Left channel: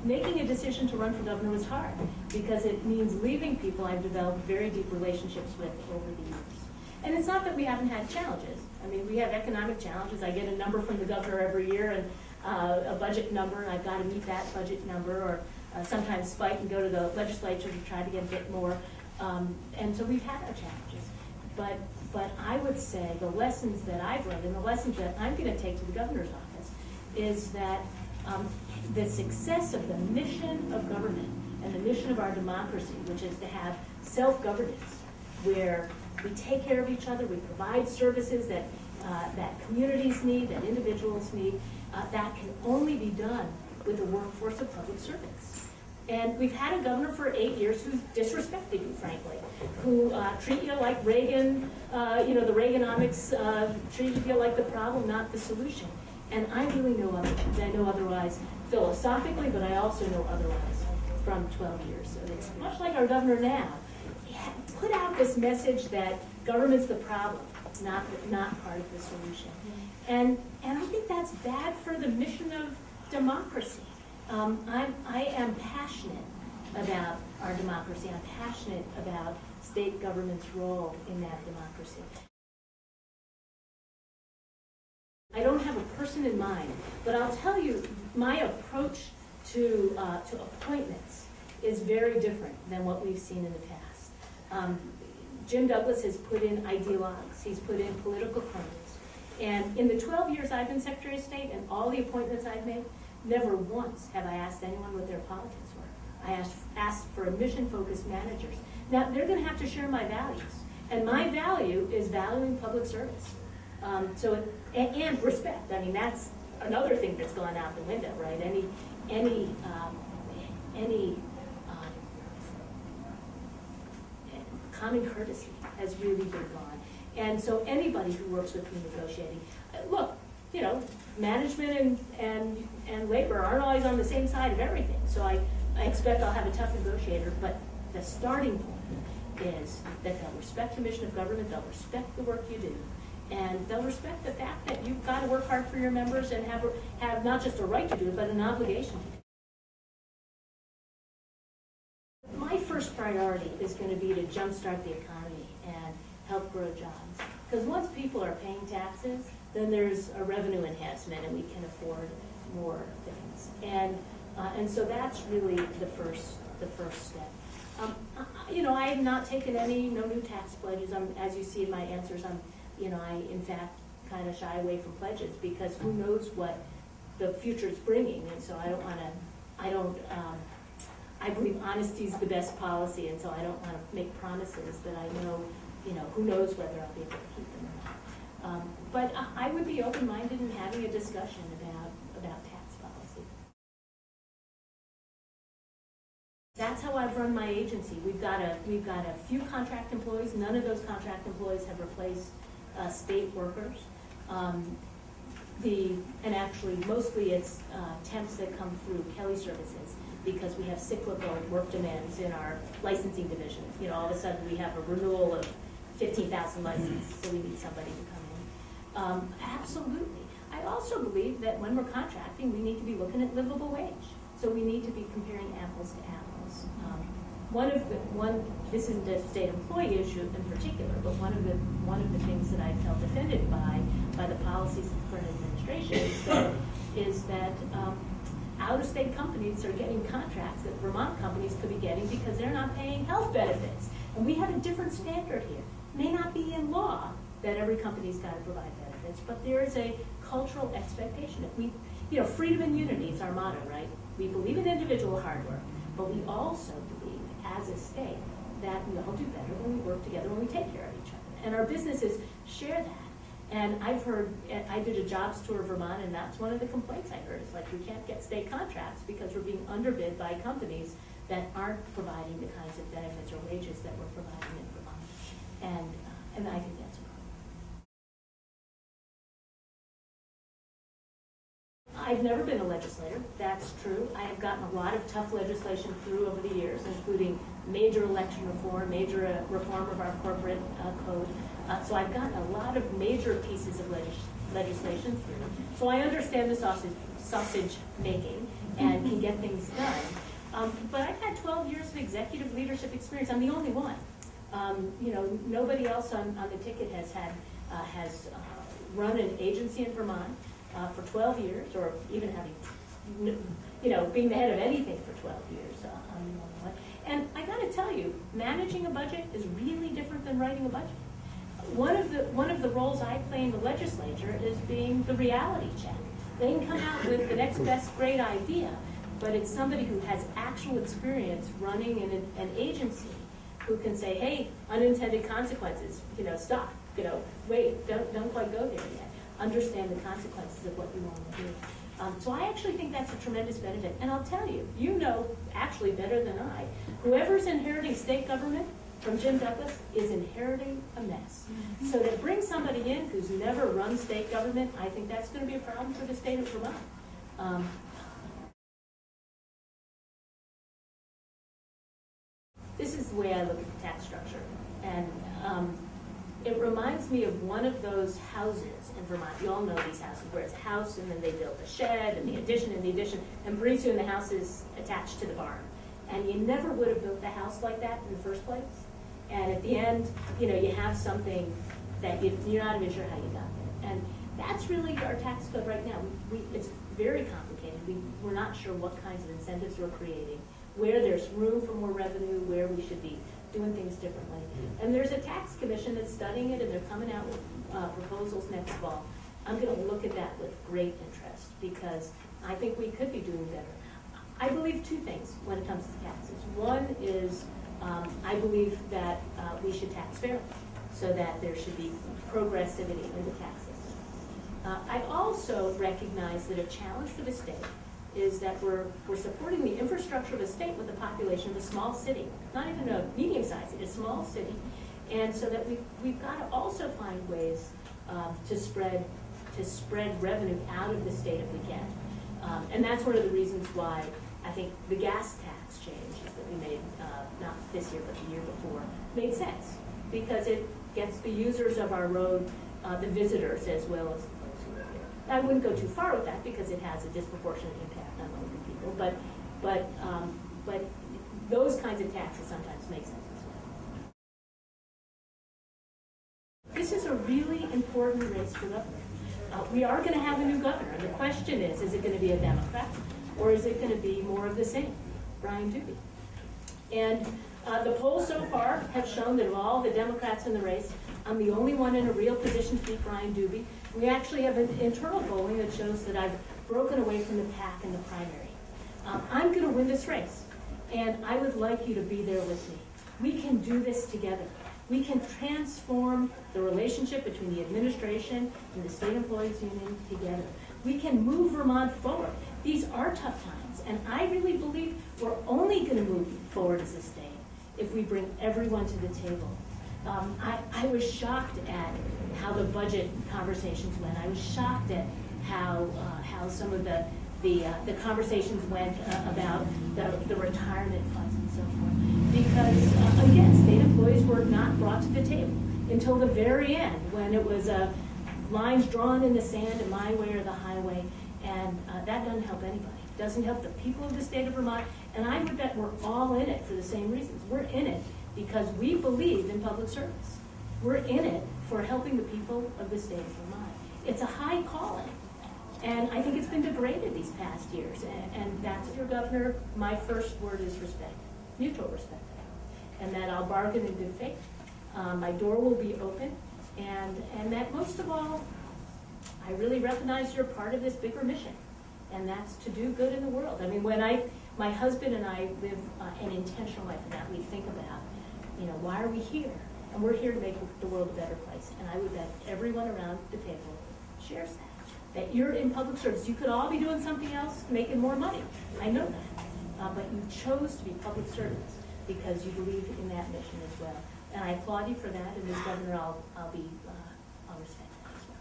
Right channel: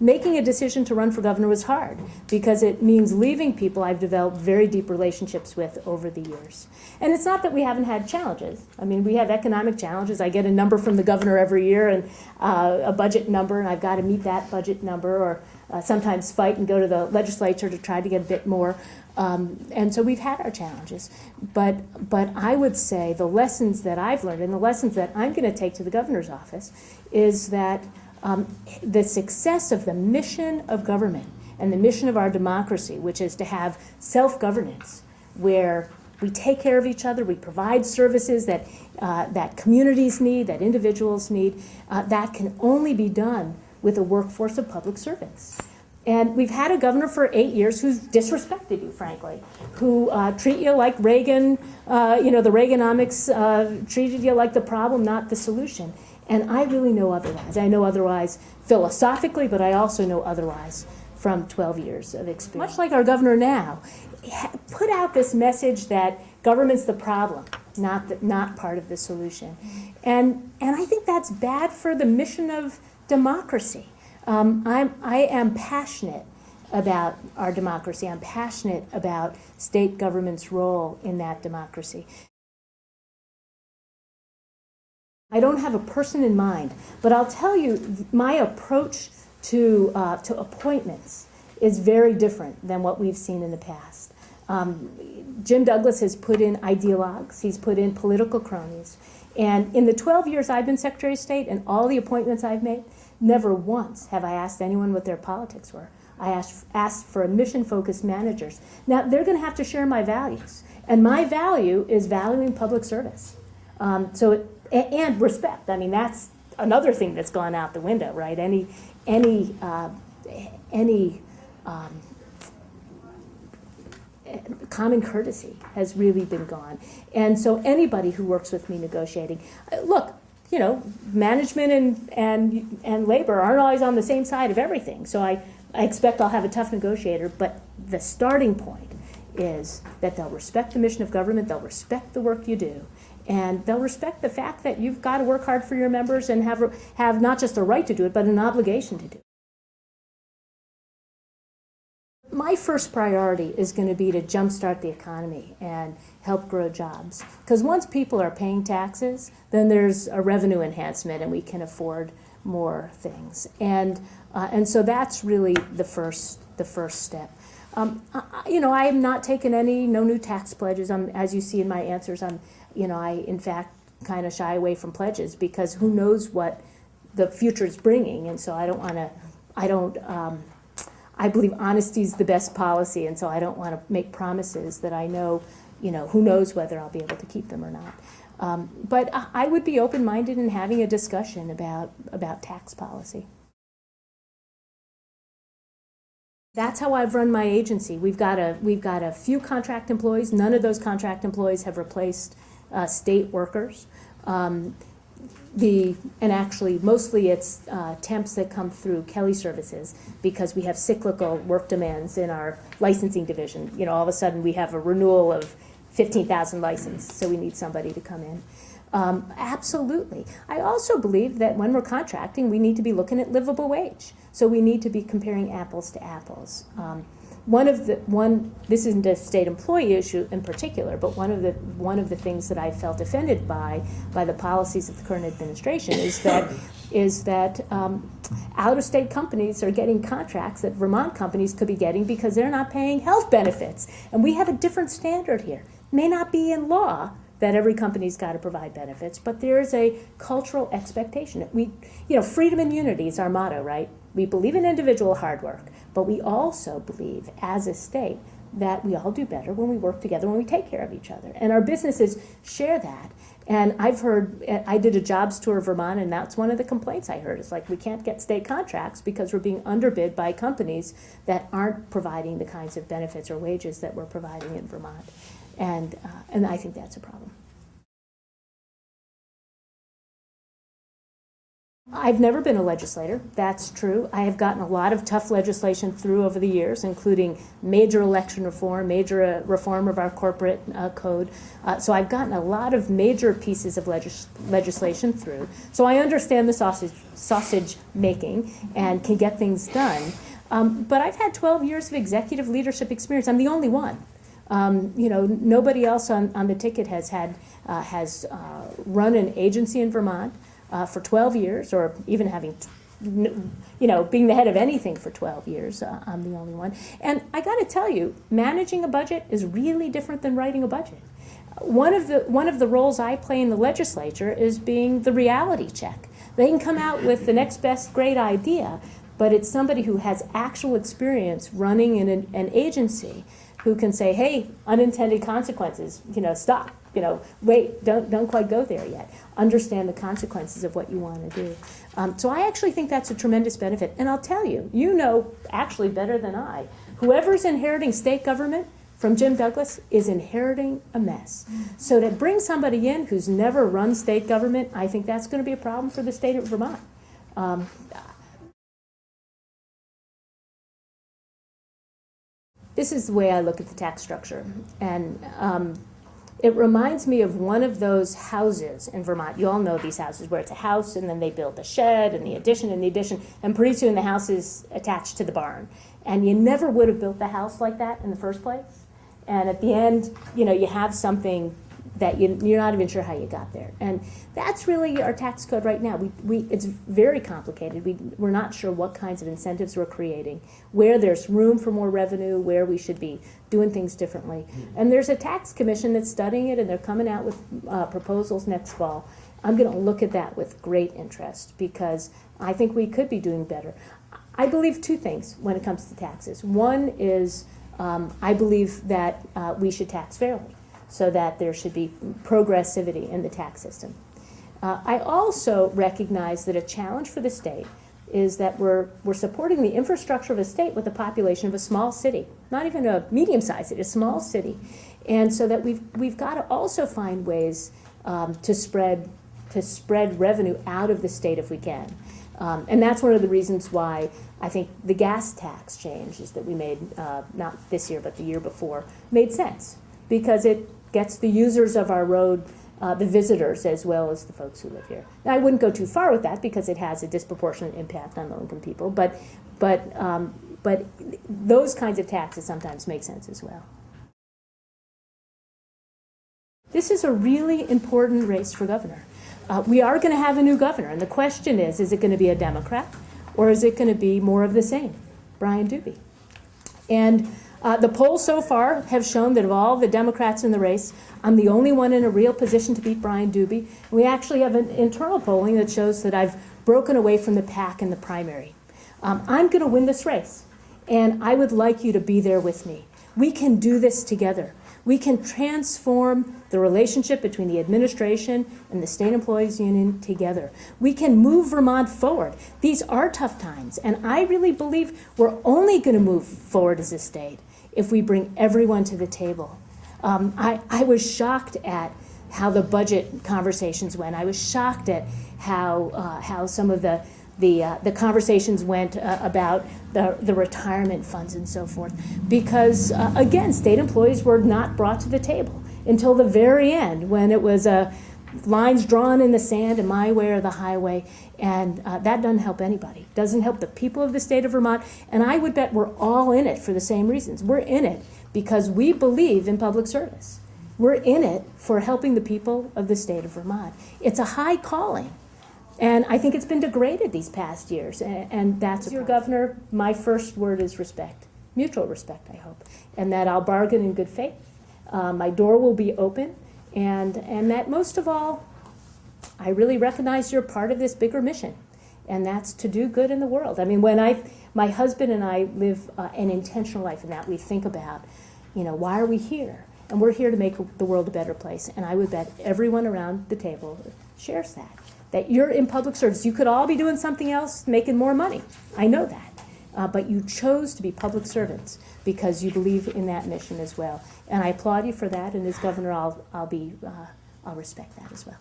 Making a decision to run for governor was hard because it means leaving people I've developed very deep relationships with over the years. And it's not that we haven't had challenges. I mean, we have economic challenges. I get a number from the governor every year, and a budget number, and I've got to meet that budget number, or sometimes fight and go to the legislature to try to get a bit more. And so we've had our challenges. But I would say the lessons that I've learned and the lessons that I'm going to take to the governor's office is that the success of the mission of government and the mission of our democracy, which is to have self-governance, where we take care of each other, we provide services that, that communities need, that individuals need, that can only be done with a workforce of public servants. And we've had a governor for 8 years who's disrespected you, frankly, who treat you like Reagan, the Reaganomics treated you like the problem, not the solution. And I really know otherwise. I know otherwise philosophically, but I also know otherwise from 12 years of experience. Much like our governor now, put out this message that government's the problem, not part of the solution. And I think that's bad for the mission of democracy. I am passionate about our democracy. I'm passionate about state government's role in that democracy. I don't have a person in mind, but I'll tell you, my approach to appointments is very different than what we've seen in the past. Jim Douglas has put in ideologues, he's put in political cronies, and in the 12 years I've been Secretary of State and all the appointments I've made, never once have I asked anyone what their politics were. I asked for mission-focused managers. Now, they're going to have to share my values, and my value is valuing public service. And respect. I mean, that's another thing that's gone out the window, right? Any common courtesy has really been gone. And so anybody who works with me negotiating, look, management and labor aren't always on the same side of everything. So I expect I'll have a tough negotiator, but the starting point is that they'll respect the mission of government, they'll respect the work you do, and they'll respect the fact that you've got to work hard for your members and have not just a right to do it, but an obligation to do it. My first priority is going to be to jumpstart the economy and help grow jobs. Because once people are paying taxes, then there's a revenue enhancement and we can afford more things. And so that's really the first step. I'm not taking no new tax pledges. As you see in my answers, I in fact kind of shy away from pledges because who knows what the future is bringing, and so I believe honesty is the best policy, and so I don't want to make promises that I know, who knows whether I'll be able to keep them or not. But I would be open-minded in having a discussion about tax policy. That's how I've run my agency. We've got a few contract employees. None of those contract employees have replaced state workers. And actually, mostly it's temps that come through Kelly Services because we have cyclical work demands in our licensing division. All of a sudden we have a renewal of 15,000 licenses, so we need somebody to come in. Absolutely. I also believe that when we're contracting, we need to be looking at livable wage. So we need to be comparing apples to apples. This isn't a state employee issue in particular, but one of the things that I felt offended by the policies of the current administration is that out-of-state companies are getting contracts that Vermont companies could be getting because they're not paying health benefits. And we have a different standard here. It may not be in law that every company's got to provide benefits, but there's a cultural expectation. Freedom and unity is our motto, right? We believe in individual hard work, but we also believe as a state that we all do better when we work together, when we take care of each other. And our businesses share that. And I did a jobs tour of Vermont, and that's one of the complaints I heard. It's like we can't get state contracts because we're being underbid by companies that aren't providing the kinds of benefits or wages that we're providing in Vermont. And I think that's a problem. I've never been a legislator, that's true. I have gotten a lot of tough legislation through over the years, including major election reform, major reform of our corporate code. So I've gotten a lot of major pieces of legislation through. So I understand the sausage making and can get things done. But I've had 12 years of executive leadership experience. I'm the only one. Nobody else on the ticket has run an agency in Vermont for 12 years, or even having, being the head of anything for 12 years. I'm the only one. And I got to tell you, managing a budget is really different than writing a budget. One of the roles I play in the legislature is being the reality check. They can come out with the next best great idea, but it's somebody who has actual experience running in an agency who can say, hey, unintended consequences, stop, wait, don't quite go there yet. Understand the consequences of what you want to do. So I actually think that's a tremendous benefit. And I'll tell you, actually better than I, whoever's inheriting state government from Jim Douglas is inheriting a mess. So to bring somebody in who's never run state government, I think that's going to be a problem for the state of Vermont. This is the way I look at the tax structure. And it reminds me of one of those houses in Vermont. You all know these houses where it's a house and then they build a shed and the addition, and pretty soon the house is attached to the barn. And you never would have built the house like that in the first place. And at the end, you have something that you're not even sure how you got there. And that's really our tax code right now. It's very complicated. We're not sure what kinds of incentives we're creating, where there's room for more revenue, where we should be doing things differently. And there's a tax commission that's studying it, and they're coming out with proposals next fall. I'm going to look at that with great interest because I think we could be doing better. I believe two things when it comes to taxes. One is I believe that we should tax fairly, so that there should be progressivity in the tax system. I also recognize that a challenge for the state is that we're supporting the infrastructure of a state with a population of a small city, not even a medium-sized city, a small city. And so that we've got to also find ways to spread revenue out of the state if we can. And that's one of the reasons why I think the gas tax changes that we made, not this year but the year before, made sense, because it gets the users of our road, the visitors, as well as the folks who live here. Now, I wouldn't go too far with that because it has a disproportionate impact on low-income people, but those kinds of taxes sometimes make sense as well. This is a really important race for governor. We are going to have a new governor, and the question is it going to be a Democrat, or is it going to be more of the same, Brian Doobie? And the polls so far have shown that of all the Democrats in the race, I'm the only one in a real position to beat Brian Doobie. We actually have an internal polling that shows that I've broken away from the pack in the primary. I'm going to win this race, and I would like you to be there with me. We can do this together. We can transform the relationship between the administration and the State Employees Union together. We can move Vermont forward. These are tough times, and I really believe we're only going to move forward as a state if we bring everyone to the table. I was shocked at how the budget conversations went. I was shocked at how some of the conversations went about the retirement funds and so forth, because again, state employees were not brought to the table until the very end, when it was lines drawn in the sand and my way or the highway, and that doesn't help anybody. Doesn't help the people of the state of Vermont, and I would bet we're all in it for the same reasons. We're in it because we believe in public service. We're in it for helping the people of the state of Vermont. It's a high calling. And I think it's been degraded these past years. And that's your governor. My first word is respect, mutual respect, I hope. And that I'll bargain in good faith. My door will be open. And that most of all, I really recognize you're part of this bigger mission. And that's to do good in the world. I mean, my husband and I live an intentional life in that we think about, why are we here? And we're here to make the world a better place. And I would bet everyone around the table shares that you're in public service. You could all be doing something else, making more money. I know that. But you chose to be public servants because you believe in that mission as well. And I applaud you for that. And as governor, I'll respect that as well.